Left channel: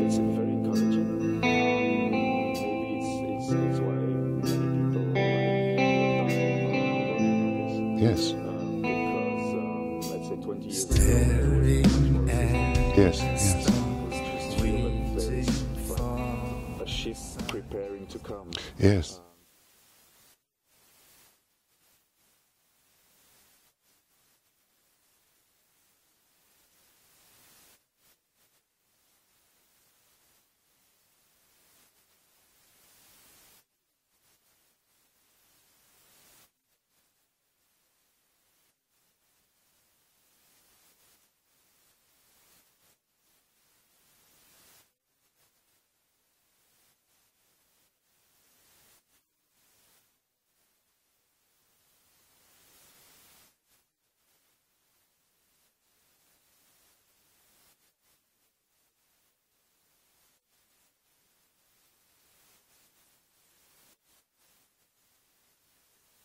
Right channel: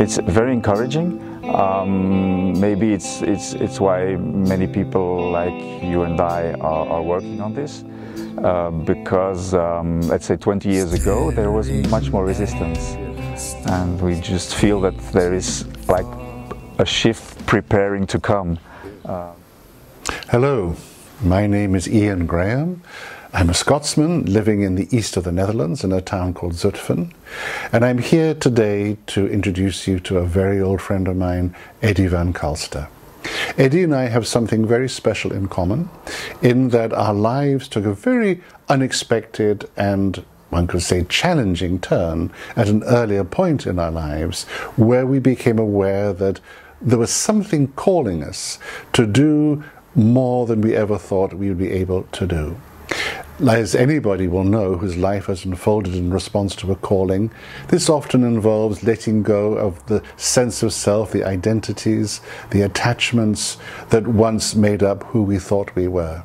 It's very encouraging. Maybe it's why many people like you and I are working on this. Yes. Because let's say 20 years ago there was much more resistance. Yes. And we just feel that there is like a shift preparing to come. Yes. Hello, my name is Ian Graham. I'm a Scotsman living in the east of the Netherlands in a town called Zutphen, and I'm here today to introduce you to a very old friend of mine, Eddy Van Calster. Eddy and I have something very special in common, in that our lives took a very unexpected and, one could say, challenging turn at an earlier point in our lives, where we became aware that there was something calling us to do more than we ever thought we would be able to do. As anybody will know whose life has unfolded in response to a calling, this often involves letting go of the sense of self, the identities, the attachments that once made up who we thought we were.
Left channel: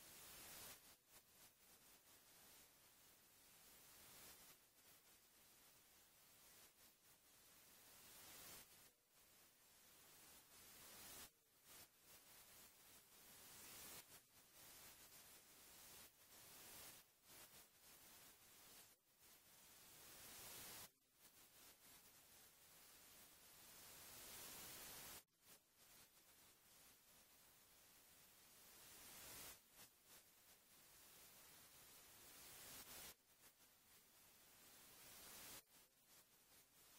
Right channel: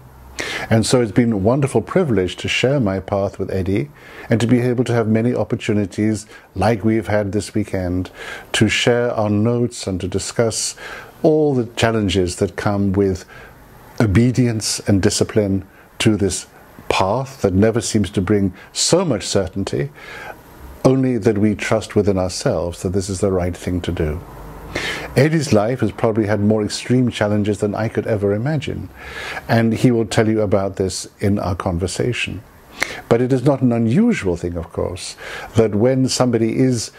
And so it's been a wonderful privilege to share my path with Eddy and to be able to have many opportunities, like we've had this weekend, to share our notes and to discuss all the challenges that come with obedience and discipline to this path that never seems to bring so much certainty, only that we trust within ourselves that this is the right thing to do. Eddy's life has probably had more extreme challenges than I could ever imagine, and he will tell you about this in our conversation. But it is not an unusual thing, of course, that when somebody is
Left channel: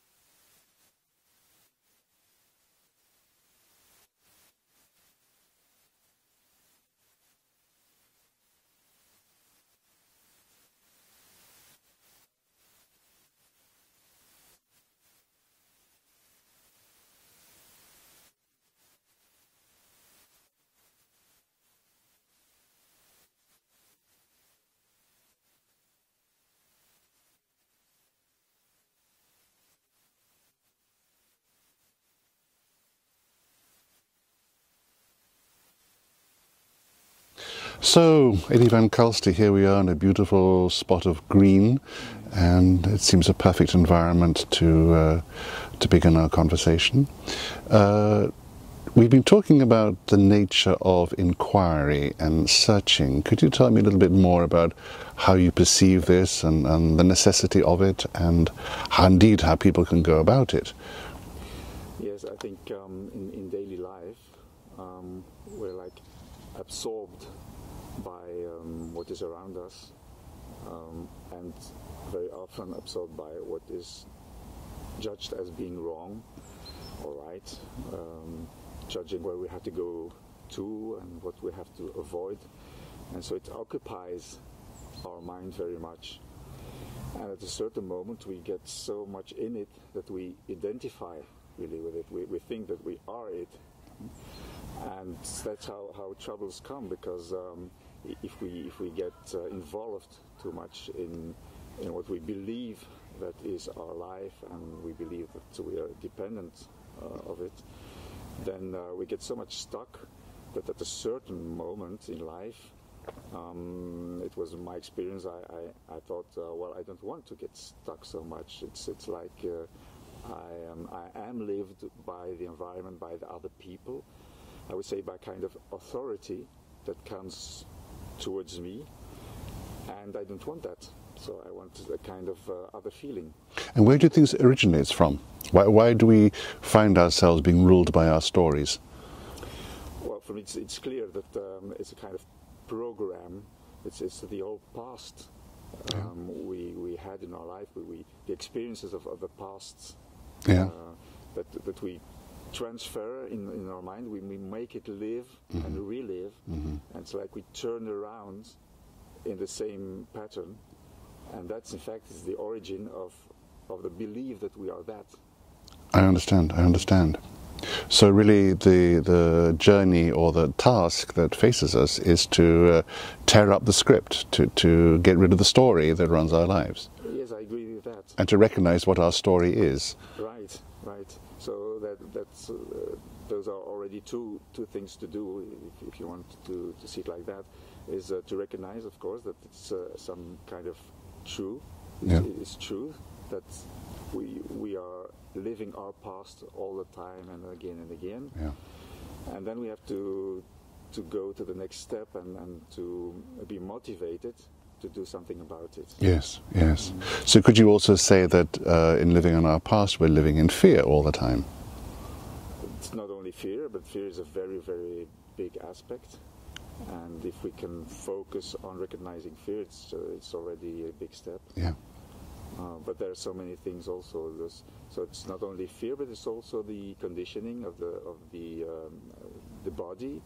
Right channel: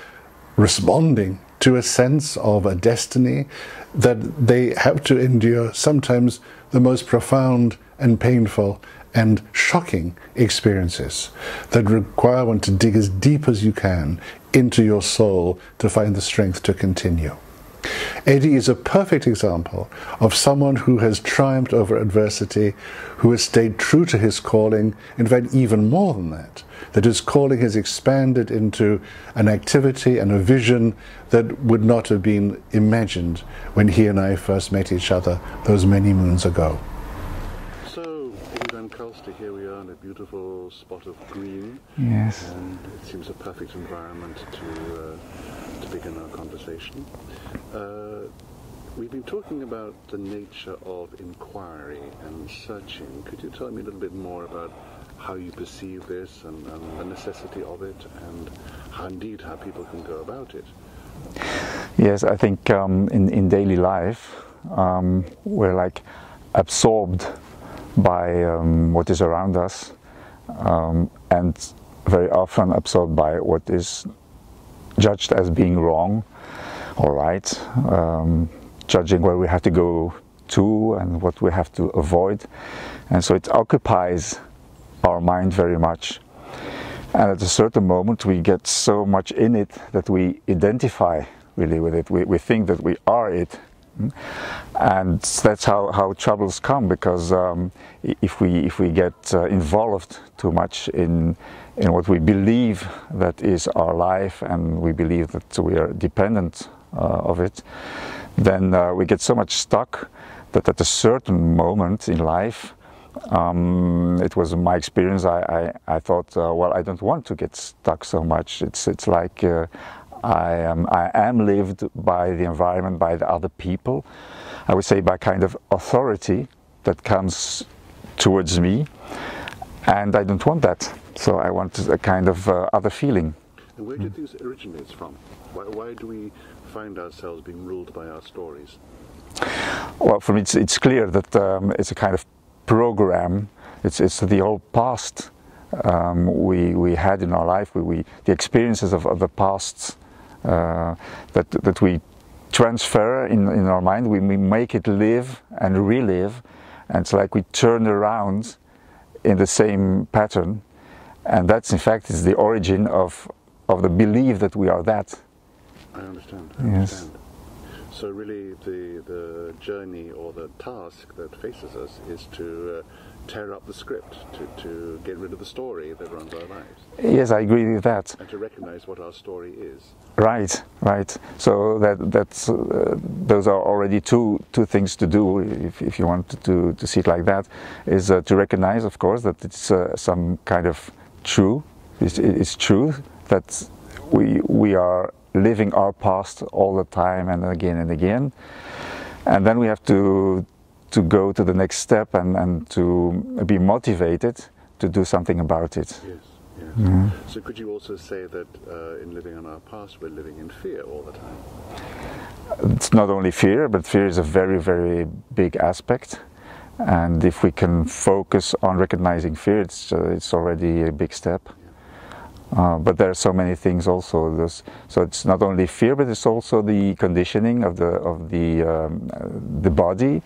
responding to a sense of a destiny, that they have to endure sometimes the most profound and painful and shocking experiences that require one to dig as deep as you can into your soul to find the strength to continue. Eddy is a perfect example of someone who has triumphed over adversity, who has stayed true to his calling, in fact even more than that, that his calling has expanded into an activity and a vision that would not have been imagined when he and I first met each other those many moons ago. So, Eddy Van Calster, here we are in a beautiful spot of green, Yes. And it seems a perfect environment to begin our conversation. We've been talking about the nature of inquiry and searching. Could you tell me a little bit more about how you perceive this and the necessity of it, and how people can go about it? Yes, I think in daily life we're like absorbed by what is around us, and very often absorbed by what is judged as being wrong or right, judging where we have to go to and what we have to avoid, and so it occupies our mind very much. And at a certain moment we get so much in it that we identify really with it. We think that we are it. And that's how troubles come, because if we get involved too much in what we believe that is our life, and we believe that we are dependent of it, then we get so much stuck that at a certain moment in life, it was my experience, I thought, well, I don't want to get stuck so much. It's like I am lived by the environment, by the other people. I would say by kind of authority that comes towards me, and I don't want that. So I want a kind of other feeling. And where do you think it originates from? Why do we find ourselves being ruled by our stories? Well, for me it's clear that it's a kind of program. It's the old past we had in our life, the experiences of the past. That we transfer in our mind, we make it live and relive, and it's like we turn around in the same pattern, and that's in fact is the origin of the belief that we are that. I understand. Yes. So really the journey or the task that faces us is to tear up the script, to get rid of the story that runs our lives. Yes, I agree with that. And to recognize what our story is. Right. So that's those are already two things to do, if you want to see it like that, is to recognize, of course, that it's some kind of true. It's true that we are living our past all the time and again and again, and then we have to go to the next step and to be motivated to do something about it. Yes, yes. So could you also say that in living in our past, we're living in fear all the time? It's not only fear, but fear is a very, very big aspect. And if we can focus on recognizing fear, it's already a big step. Yeah. But there are so many things also. So it's not only fear, but it's also the conditioning of the body,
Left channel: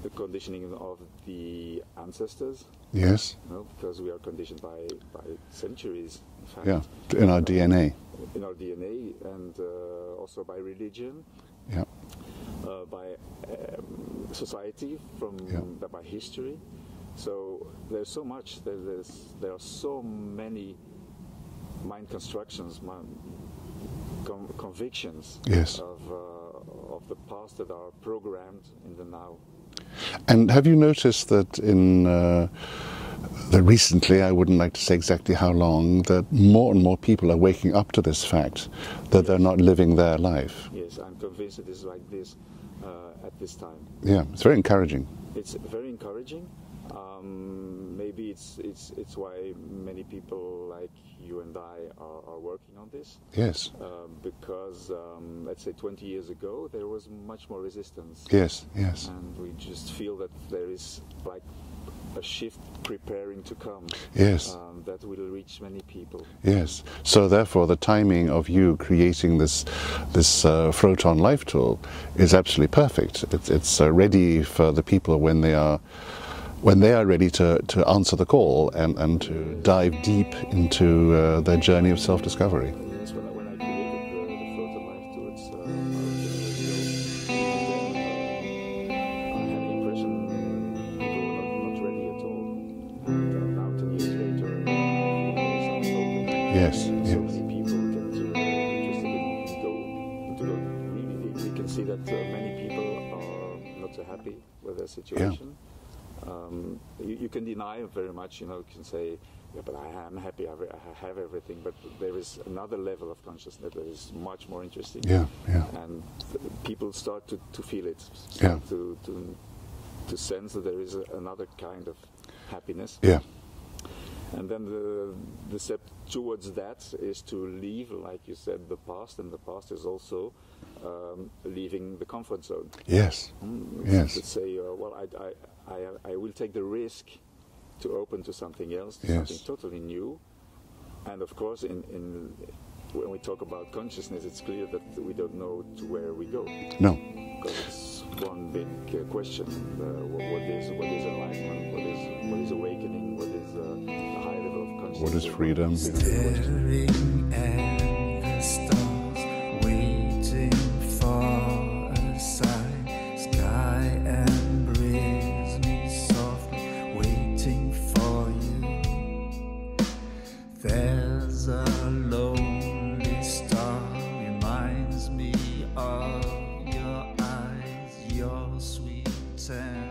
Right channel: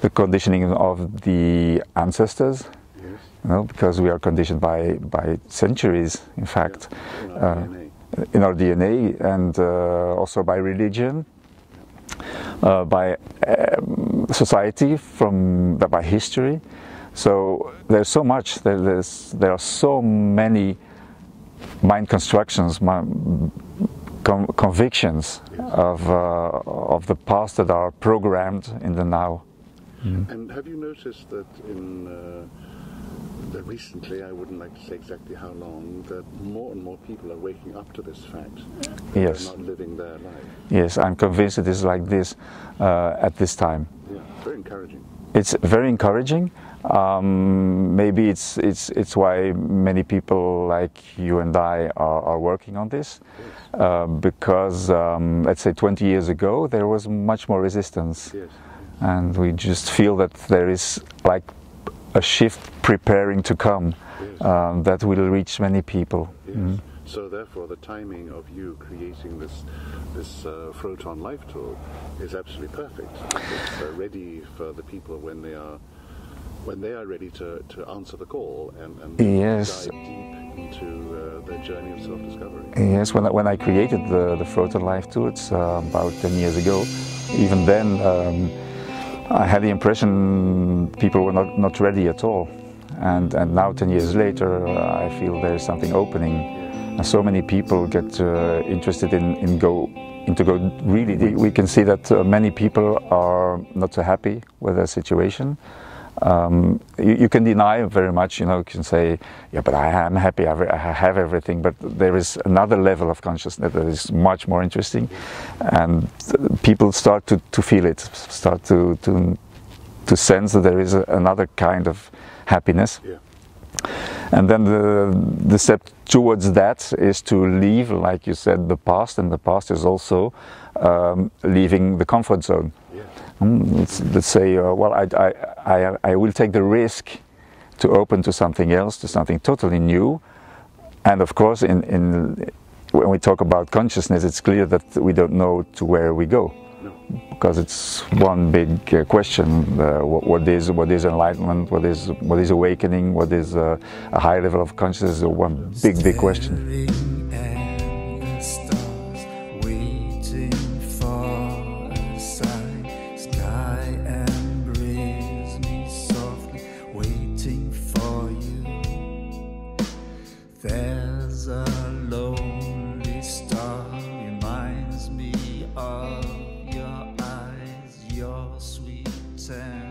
the conditioning of the ancestors. Yes. You know, because we are conditioned by centuries, in fact. Yeah. In our DNA. In our DNA, and also by religion. Yeah. By society, by history. So there's so much. There are so many mind constructions, convictions, yes, of the past that are programmed in the now. And have you noticed that that recently, I wouldn't like to say exactly how long, that more and more people are waking up to this fact that Yes. they're not living their life? Yes, I'm convinced it is like this at this time. Yeah, it's very encouraging. It's very encouraging. Maybe it's why many people like you and I are working on this. Yes. Because let's say 20 years ago there was much more resistance. Yes, yes. And we just feel that there is like a shift preparing to come. Yes. That will reach many people. Yes. So therefore, the timing of you creating this Photon Life tool is absolutely perfect. It's ready for the people when they are ready to answer the call and to Yes. dive deep into their journey of self-discovery. Yes. When I created the Photon Life tool, it's about 10 years ago. Even then, I had the impression people were not ready at all. And now 10 years later, I feel there is something opening. Yes. And so many people get interested in go really deep. We can see that many people are not so happy with their situation. You can deny very much, you know, you can say, yeah, but I am happy, I have everything, but there is another level of consciousness that is much more interesting. Yeah, yeah. And people start to feel it, start to sense that there is another kind of happiness. Yeah. And then the step towards that is to leave, like you said, the past, and the past is also leaving the comfort zone. Yes. Let's say, well, I will take the risk to open to something else, to something totally new. And of course, when we talk about consciousness, it's clear that we don't know to where we go. No. Because it's one big question: what is enlightenment? What is awakening? What is a high level of consciousness? One big question. Staring at the stars, waiting for a sign. Sky embrace me softly, waiting for you. There's a lonely star, reminds me of your eyes, your sweet and